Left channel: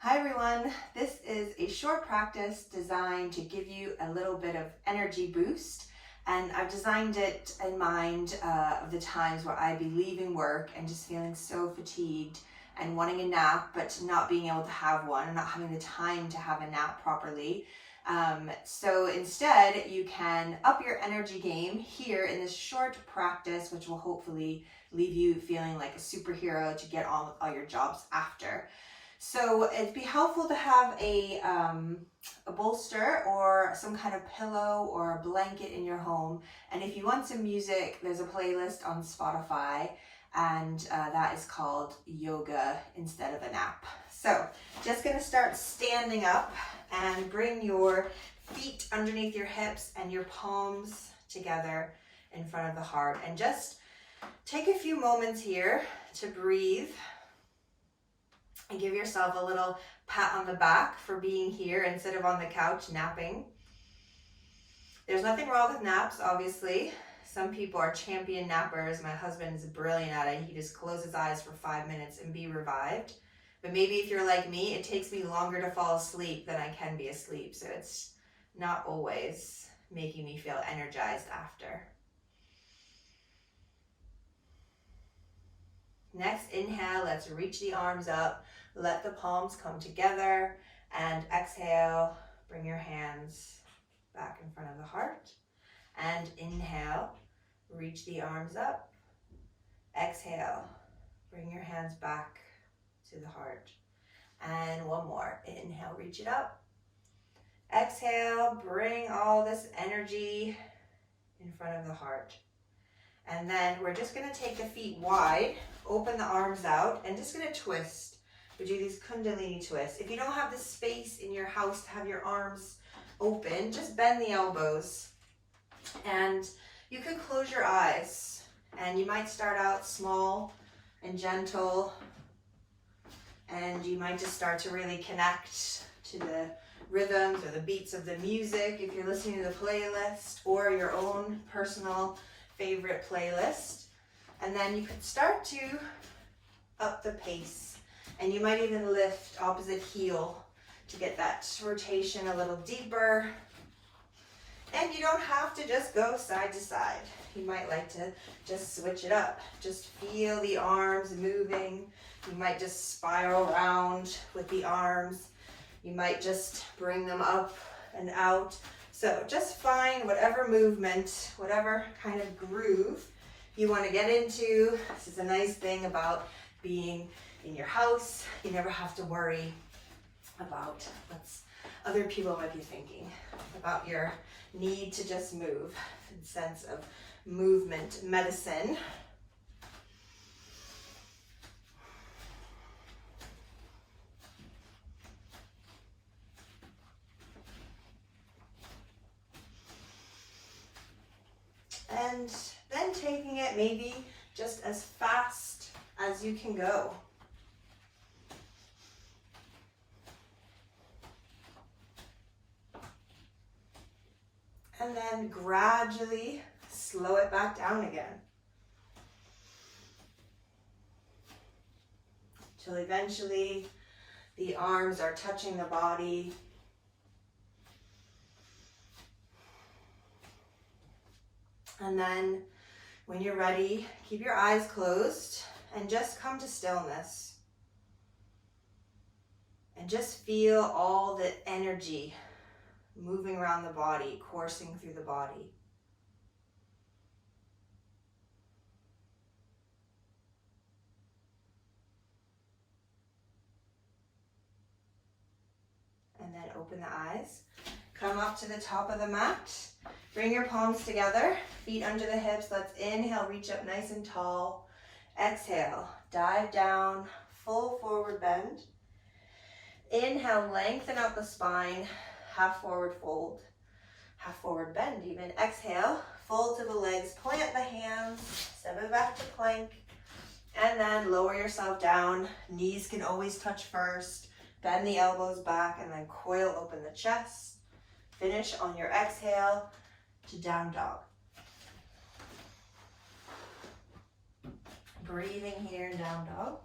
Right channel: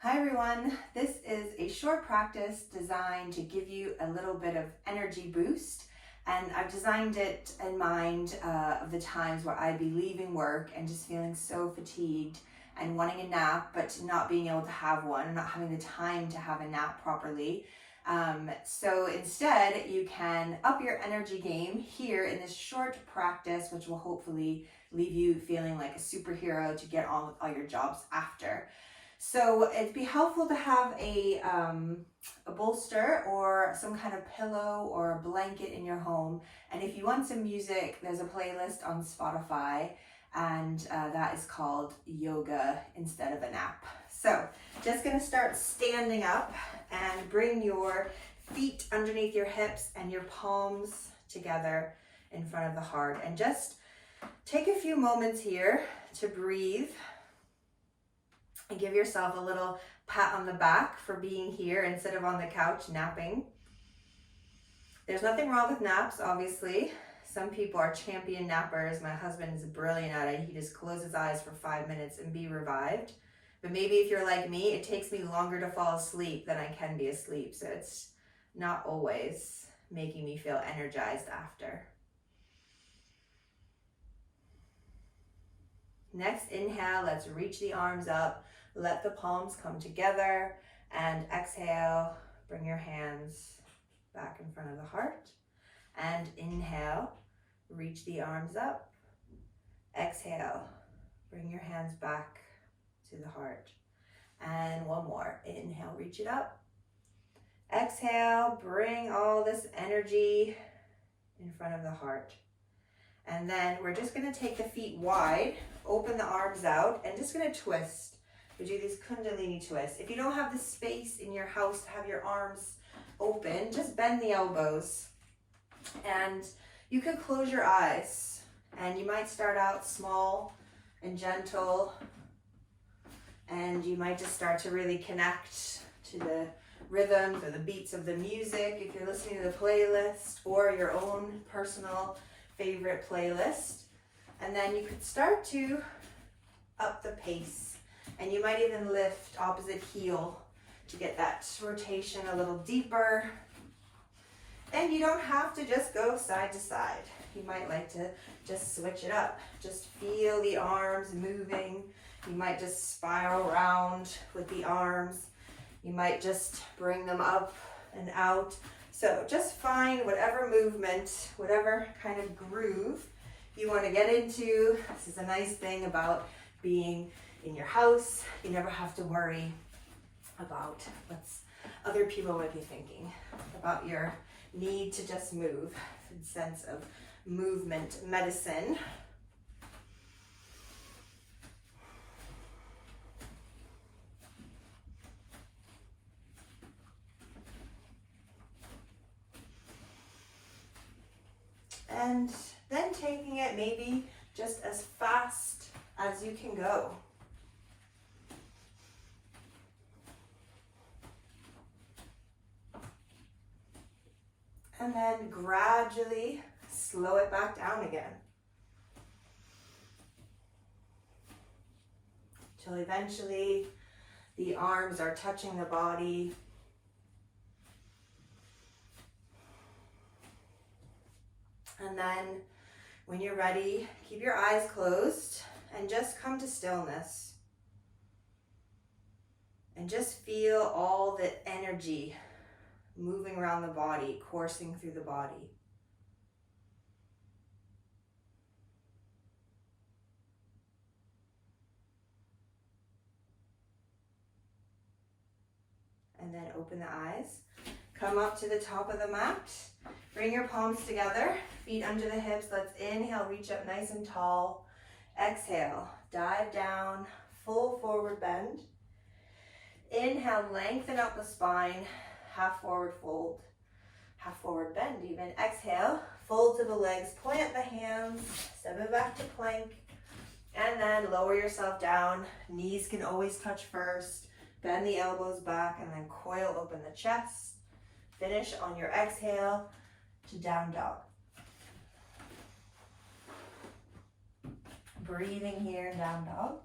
Hi everyone, this is a short practice designed to give you a little bit of energy boost, and I've designed it in mind of the times where I'd be leaving work and just feeling so fatigued and wanting a nap but not being able to have one and not having the time to have a nap properly. So instead you can up your energy game here in this short practice, which will hopefully leave you feeling like a superhero to get on with all your jobs after. So it'd be helpful to have a bolster or some kind of pillow or a blanket in your home. And if you want some music, there's a playlist on Spotify, and that is called Yoga Instead of a Nap. So just gonna start standing up and bring your feet underneath your hips and your palms together in front of the heart. And just take a few moments here to breathe and give yourself a little pat on the back for being here instead of on the couch napping. There's nothing wrong with naps, obviously. Some people are champion nappers. My husband is brilliant at it. He just closes his eyes for 5 minutes and be revived. But maybe if you're like me, it takes me longer to fall asleep than I can be asleep. So it's not always making me feel energized after. Next, inhale, let's reach the arms up. Let the palms come together, and exhale, bring your hands back in front of the heart. And inhale, reach the arms up. Exhale, bring your hands back to the heart. And one more, inhale, reach it up. Exhale, bring all this energy in front of the heart. And then we're just gonna take the feet wide, open the arms out, and just gonna twist. We do these Kundalini twists. If you don't have the space in your house to have your arms open, just bend the elbows. And you can close your eyes. And you might start out small and gentle. And you might just start to really connect to the rhythms or the beats of the music if you're listening to the playlist or your own personal favorite playlist. And then you could start to up the pace. And you might even lift opposite heel to get that rotation a little deeper. And you don't have to just go side to side. You might like to just switch it up. Just feel the arms moving. You might just spiral around with the arms. You might just bring them up and out. So just find whatever movement, whatever kind of groove you want to get into. This is a nice thing about being in your house. You never have to worry about what other people might be thinking, about your need to just move, the sense of movement medicine. And then taking it maybe just as fast as you can go. And then gradually slow it back down again. Till eventually the arms are touching the body. And then when you're ready, keep your eyes closed and just come to stillness. And just feel all the energy moving around the body, coursing through the body. And then open the eyes. Come up to the top of the mat. Bring your palms together, feet under the hips. Let's inhale, reach up nice and tall. Exhale, dive down, full forward bend. Inhale, lengthen up the spine, half forward fold, half forward bend even. Exhale, fold to the legs, plant the hands, step it back to plank, and then lower yourself down. Knees can always touch first. Bend the elbows back and then coil open the chest. Finish on your exhale to down dog. Breathing here, down dog.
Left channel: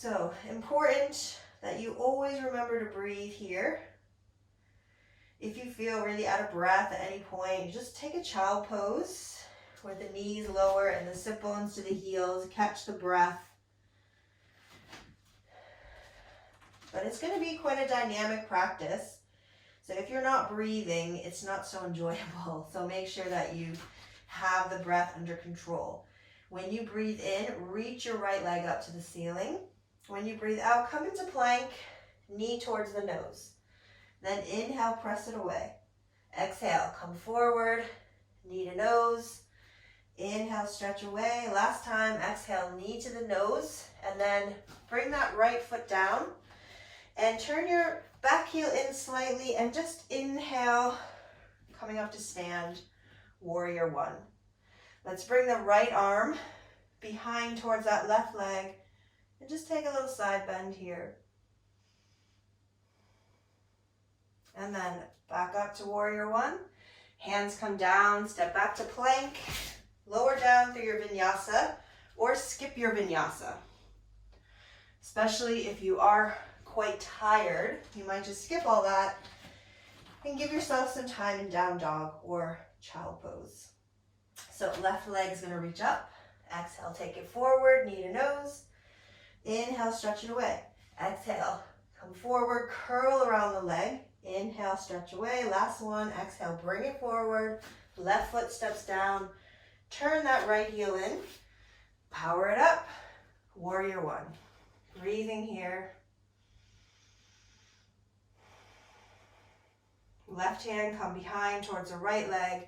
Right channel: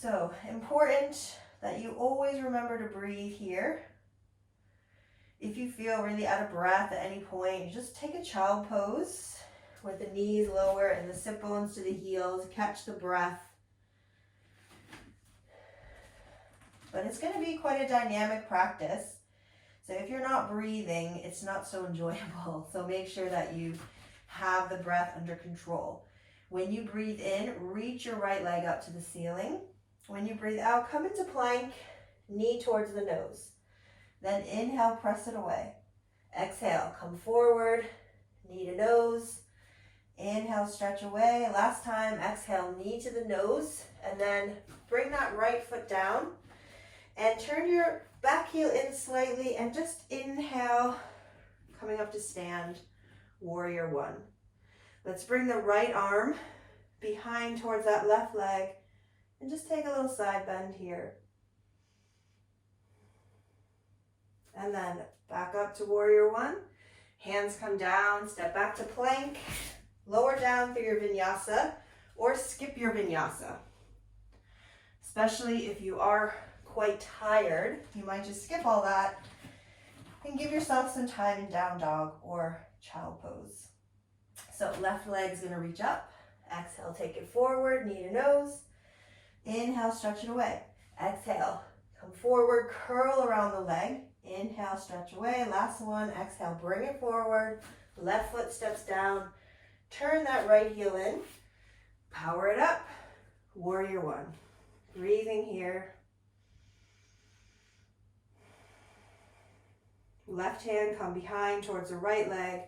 So important that you always remember to breathe here. If you feel really out of breath at any point, you just take a child pose with the knees lower and the sit bones to the heels. Catch the breath. But it's going to be quite a dynamic practice. So if you're not breathing, it's not so enjoyable. So make sure that you have the breath under control. When you breathe in, reach your right leg up to the ceiling. When you breathe out, come into plank, knee towards the nose. Then inhale, press it away. Exhale, come forward, knee to nose. Inhale, stretch away. Last time, exhale, knee to the nose. And then bring that right foot down. And turn your back heel in slightly and just inhale, coming up to stand, warrior one. Let's bring the right arm behind towards that left leg and just take a little side bend here. And then back up to warrior one. Hands come down, step back to plank, lower down through your vinyasa or skip your vinyasa. Especially if you are quite tired, you might just skip all that and give yourself some time in down dog or child pose. So left leg is going to reach up. Exhale, take it forward, knee to nose. Inhale, stretch it away. Exhale, come forward, curl around the leg. Inhale, stretch away. Last one. Exhale, bring it forward. Left foot steps down. Turn that right heel in. Power it up. Warrior one. Breathing here. Left hand come behind towards the right leg.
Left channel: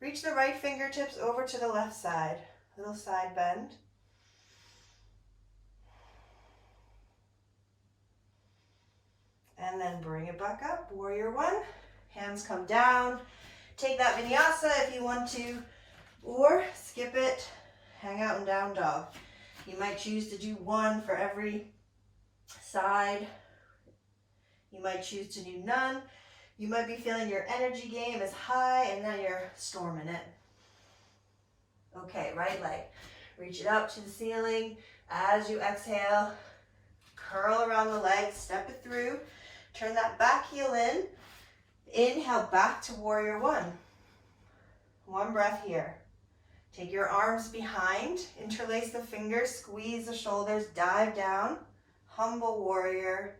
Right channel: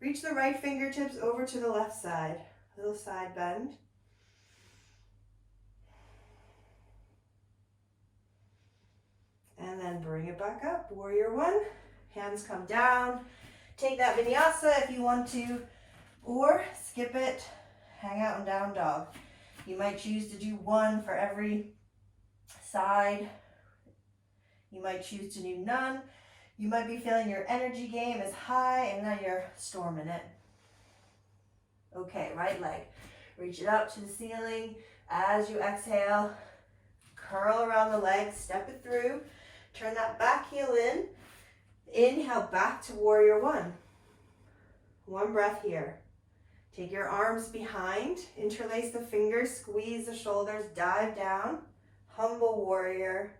Reach the right fingertips over to the left side. Little side bend. And then bring it back up. Warrior one. Hands come down. Take that vinyasa if you want to, or skip it. Hang out in down dog. You might choose to do one for every side. You might choose to do none. You might be feeling your energy game is high and now you're storming it. Okay, right leg. Reach it up to the ceiling. As you exhale, curl around the leg, step it through. Turn that back heel in. Inhale back to warrior one. One breath here. Take your arms behind, interlace the fingers, squeeze the shoulders, dive down. Humble warrior.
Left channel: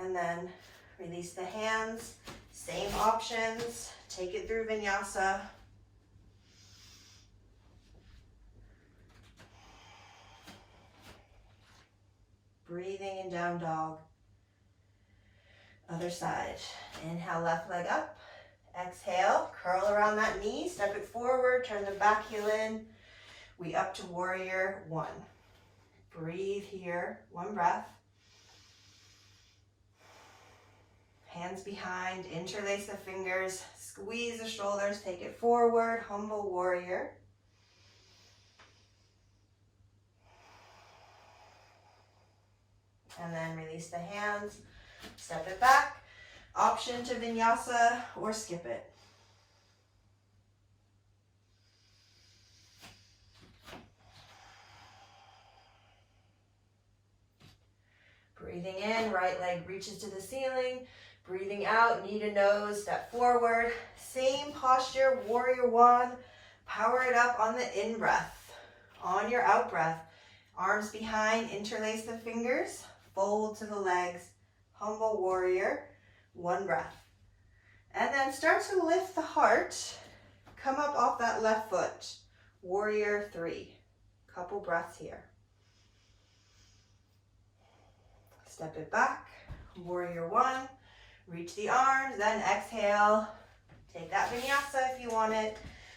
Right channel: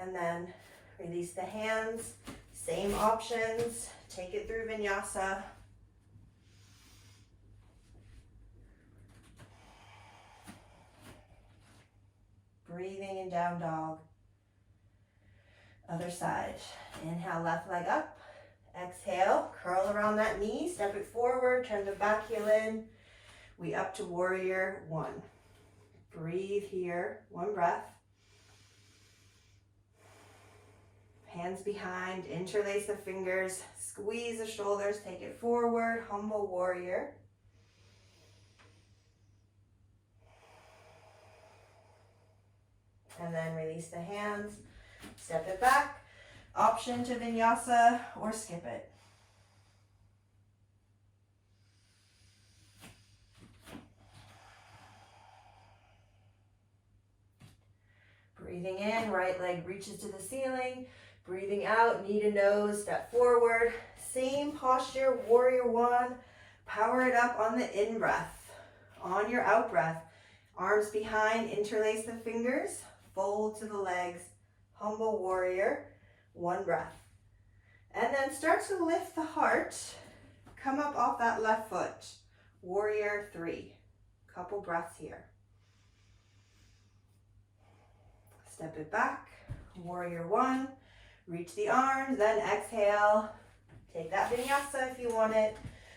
And then release the hands. Same options. Take it through vinyasa. Breathing in down dog. Other side. Inhale, left leg up. Exhale, curl around that knee, step it forward, turn the back heel in. We up to warrior one. Breathe here, one breath. Hands behind, interlace the fingers, squeeze the shoulders, take it forward, humble warrior. And then release the hands, step it back. Option to vinyasa or skip it. Breathing in, right leg reaches to the ceiling. Breathing out, knee to nose, step forward. Same posture, warrior one. Power it up on the in-breath. On your out-breath, arms behind, interlace the fingers, fold to the legs, humble warrior, one breath. And then start to lift the heart. Come up off that left foot, warrior three. Couple breaths here. Step it back, warrior one. Reach the arms, then exhale. Take that vinyasa if you want it,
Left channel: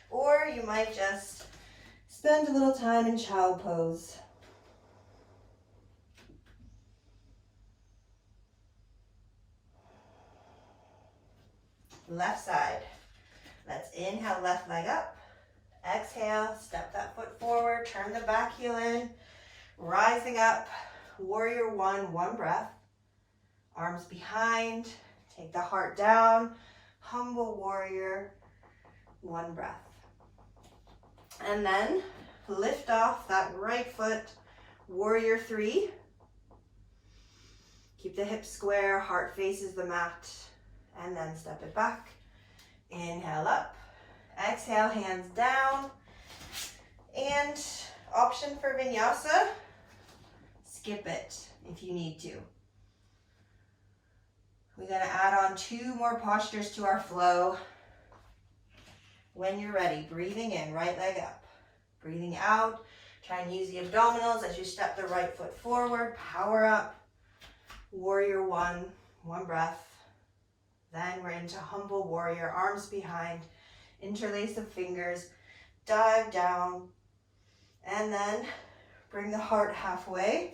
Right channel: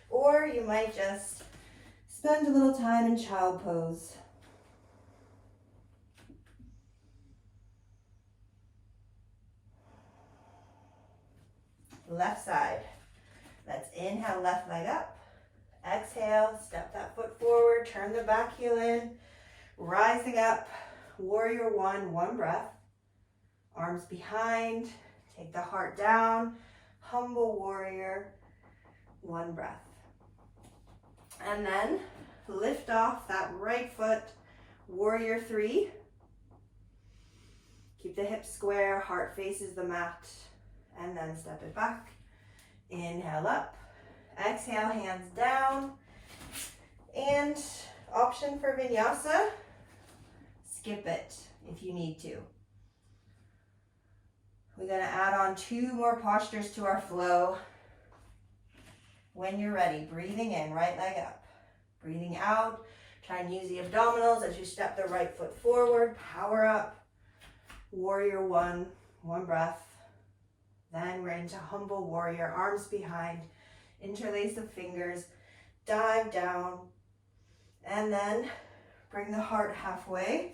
or you might just spend a little time in child pose. Left side. Let's inhale, left leg up. Exhale, step that foot forward, turn the back heel in. Rising up, warrior one, one breath. Arms behind, take the heart down. Humble warrior, one breath. And then lift off that right foot, warrior three. Keep the hips square, heart faces the mat, and then step it back. Inhale up, exhale, hands down, and option for vinyasa, skip it if you need to. We're gonna add on 2 more postures to our flow. When you're ready, breathing in, right leg up. Breathing out, try and use the abdominals as you step the right foot forward, power up. Warrior one, 1 breath. Then we're into humble warrior, arms behind, interlace the fingers, dive down, and then bring the heart halfway.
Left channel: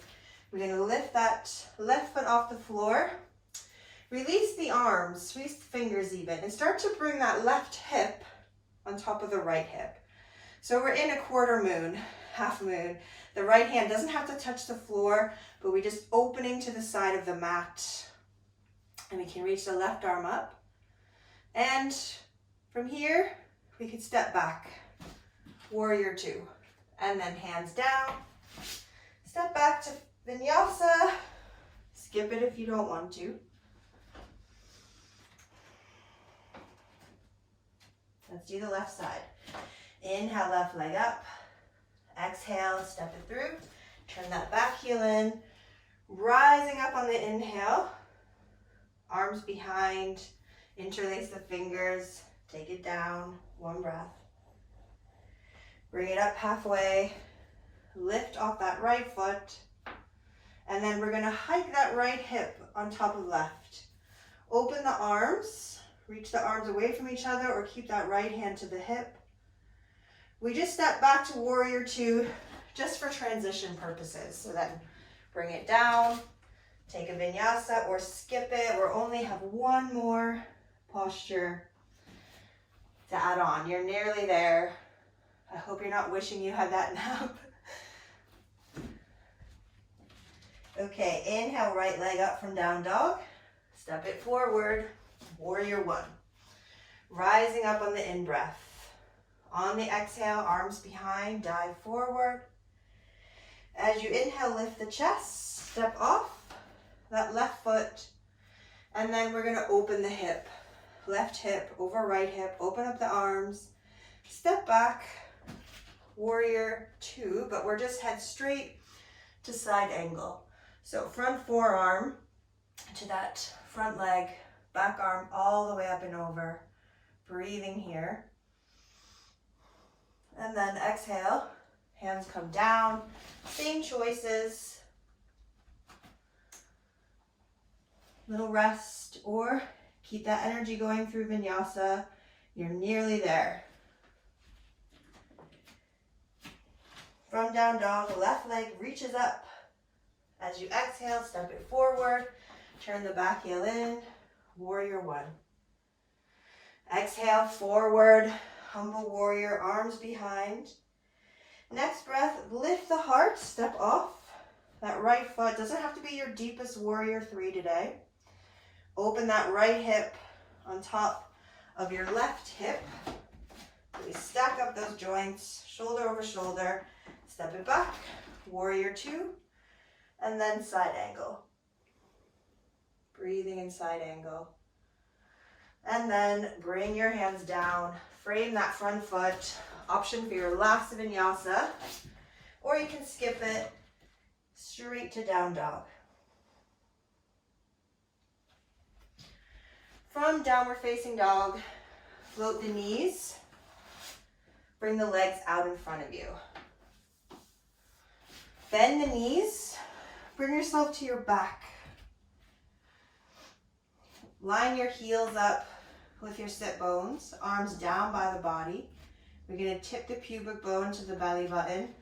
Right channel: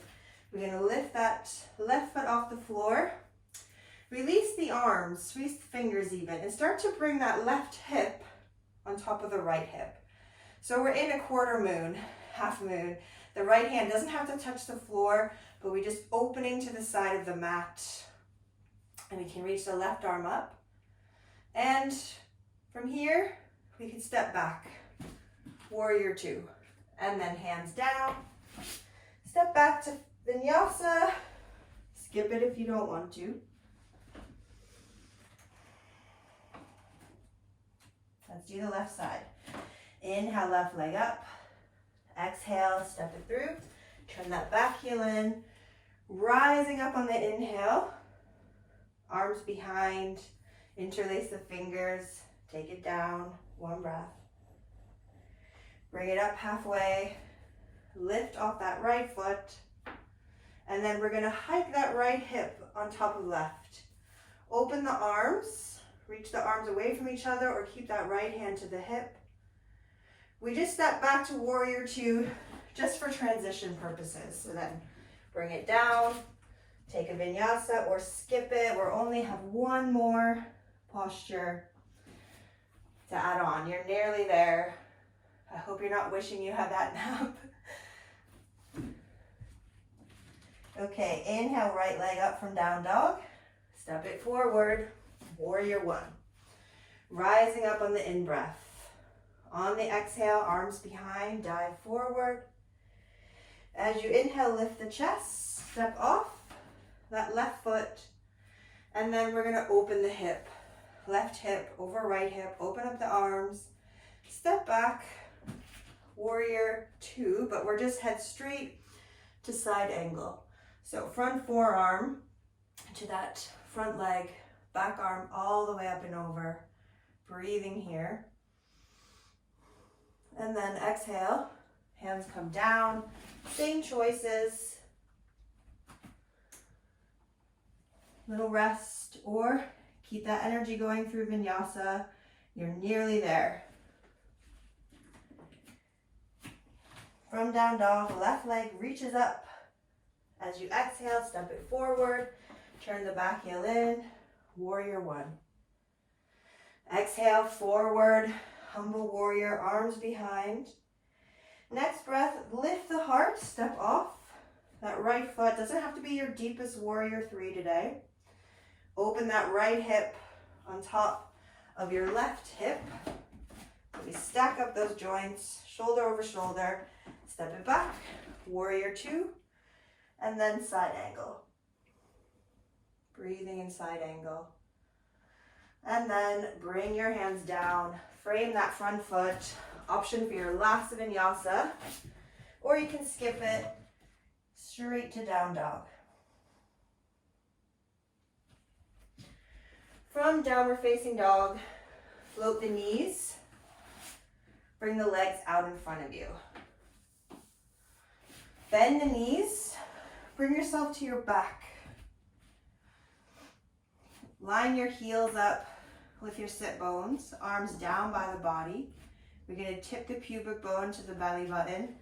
We're gonna lift that left foot off the floor. Release the arms, release the fingers even, and start to bring that left hip on top of the right hip. So we're in a quarter moon, half moon. The right hand doesn't have to touch the floor, but we're just opening to the side of the mat. And we can reach the left arm up. And from here, we can step back, warrior two. And then hands down, step back to vinyasa. Skip it if you don't want to. Let's do the left side. Inhale, left leg up. Exhale, step it through. Turn that back heel in. Rising up on the inhale. Arms behind. Interlace the fingers. Take it down. 1 breath. Bring it up halfway. Lift off that right foot. And then we're going to hike that right hip on top of left. Open the arms. Reach the arms away from each other or keep that right hand to the hip. We just step back to warrior two just for transition purposes. So then bring it down, take a vinyasa or skip it or only have 1 more posture to add on. You're nearly there. I hope you're not wishing you had that nap. Okay, inhale, right leg up from down dog. Step it forward. Warrior one. Rising up on the in-breath. On the exhale, arms behind, dive forward. As you inhale, lift the chest, step off that left foot, and then we're gonna open the hip. Left hip over right hip, open up the arms, step back, warrior two, but we're just head straight to side angle. So front forearm to that front leg, back arm all the way up and over. Breathing here. And then exhale, hands come down. Same choices. Little rest or keep that energy going through vinyasa. You're nearly there. From down dog, left leg reaches up. As you exhale, step it forward. Turn the back heel in. Warrior one. Exhale, forward, humble warrior, arms behind. Next breath, lift the heart, step off. That right foot doesn't have to be your deepest warrior three today. Open that right hip on top of your left hip. We stack up those joints, shoulder over shoulder. Step it back, warrior two, and then side angle. Breathing in side angle. And then bring your hands down, frame that front foot, option for your last vinyasa, or you can skip it straight to down dog. From downward facing dog, float the knees, bring the legs out in front of you. Bend the knees, bring yourself to your back. Line your heels up with your sit bones, arms down by the body. We're going to tip the pubic bone to the belly button.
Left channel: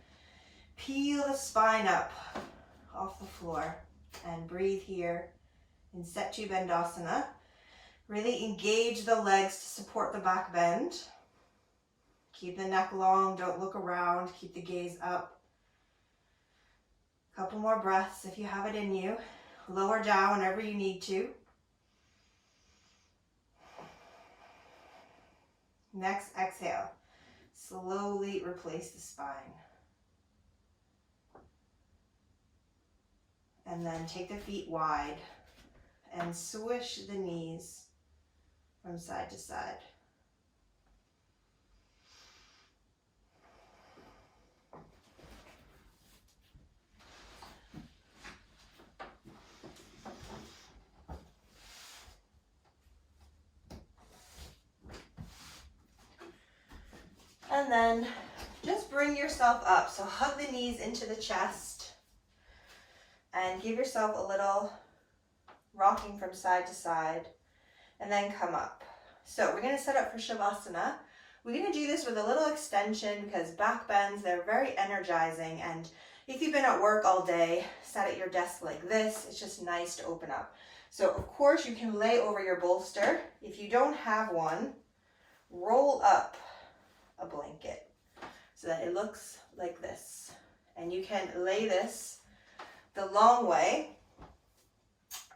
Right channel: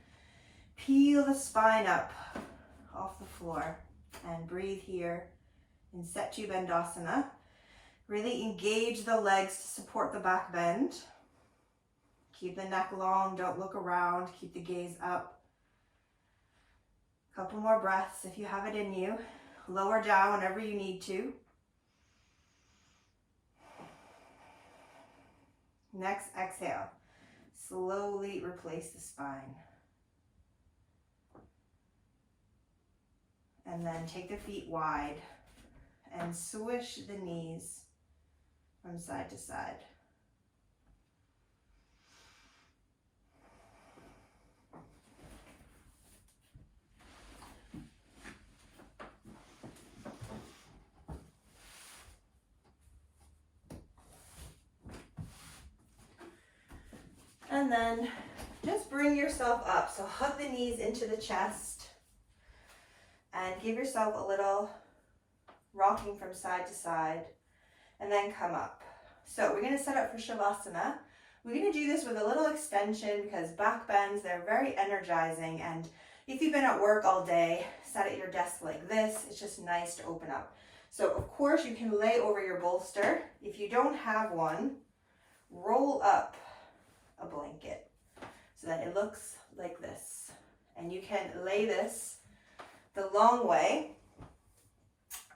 Peel the spine up off the floor and breathe here in Setu Bandhasana. Really engage the legs to support the back bend. Keep the neck long, don't look around, keep the gaze up. Couple more breaths if you have it in you. Lower down whenever you need to. Next exhale, slowly replace the spine. And then take the feet wide and swish the knees from side to side. And then just bring yourself up. So hug the knees into the chest and give yourself a little rocking from side to side, and then come up. So we're going to set up for Shavasana. We're going to do this with a little extension because back bends, they're very energizing. And if you've been at work all day, sat at your desk like this, it's just nice to open up. So of course you can lay over your bolster. If you don't have one, roll up a blanket so that it looks like this. And you can lay this the long way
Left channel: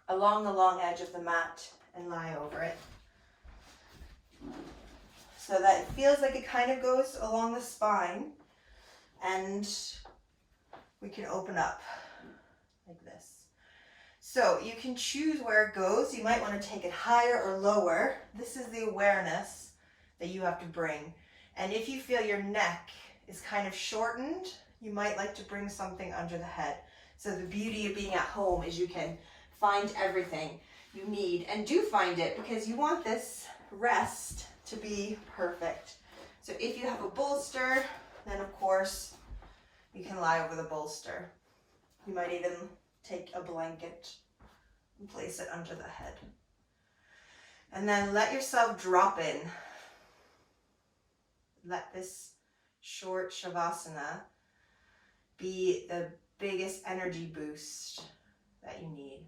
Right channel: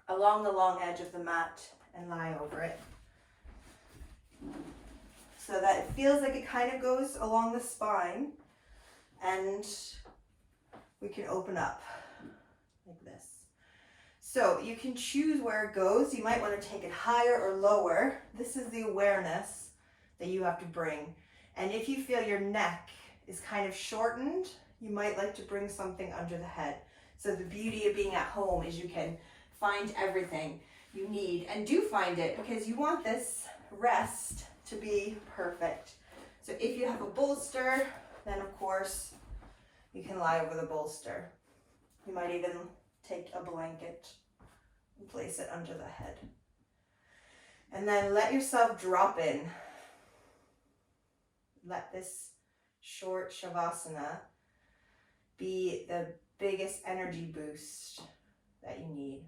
along the long edge of the mat and lie over it, so that it feels like it kind of goes along the spine, and we can open up like this. So you can choose where it goes. You might want to take it higher or lower. This is the awareness that you have to bring. And if you feel your neck is kind of shortened, you might like to bring something under the head. So the beauty of being at home is you can find everything you need, and do find it, because you want this rest to be perfect. So if you have a bolster, then of course you can lie over the bolster. You might even take a blanket and place it under the head. And then let yourself drop in. Let this short Shavasana be the biggest energy boost that you need.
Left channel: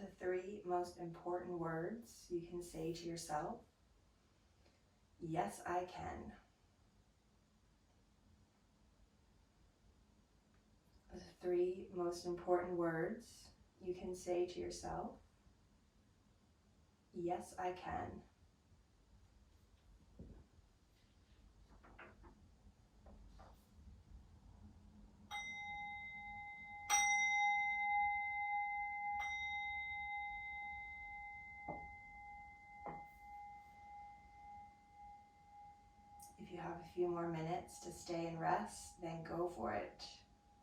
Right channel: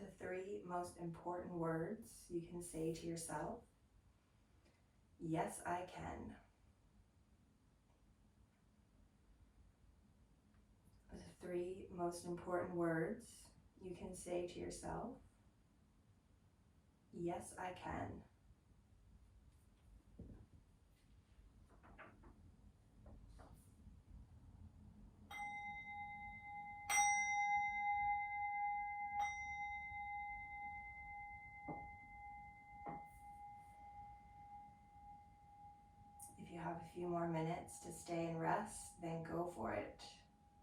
The 3 most important words you can say to yourself: yes, I can. The 3 most important words you can say to yourself: yes, I can. If you have a few more minutes to stay and rest, then go for it.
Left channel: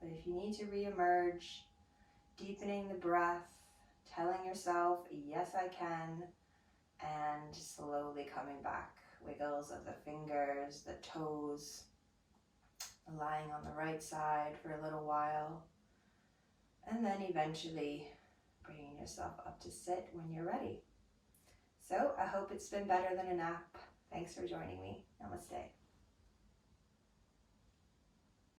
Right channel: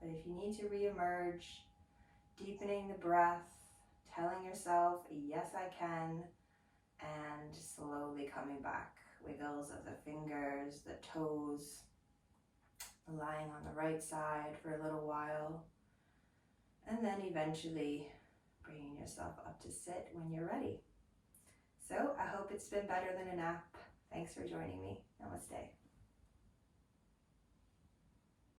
But if you need to re-emerge, deepening the breath, telling yourself, yes, I can, and slowly coming back. Wiggles of the fingers, the toes, lying on the right side for a little while, and then eventually bringing yourself up to sit when you're ready. So I hope it's been better than a nap. Thanks for joining me. Namaste.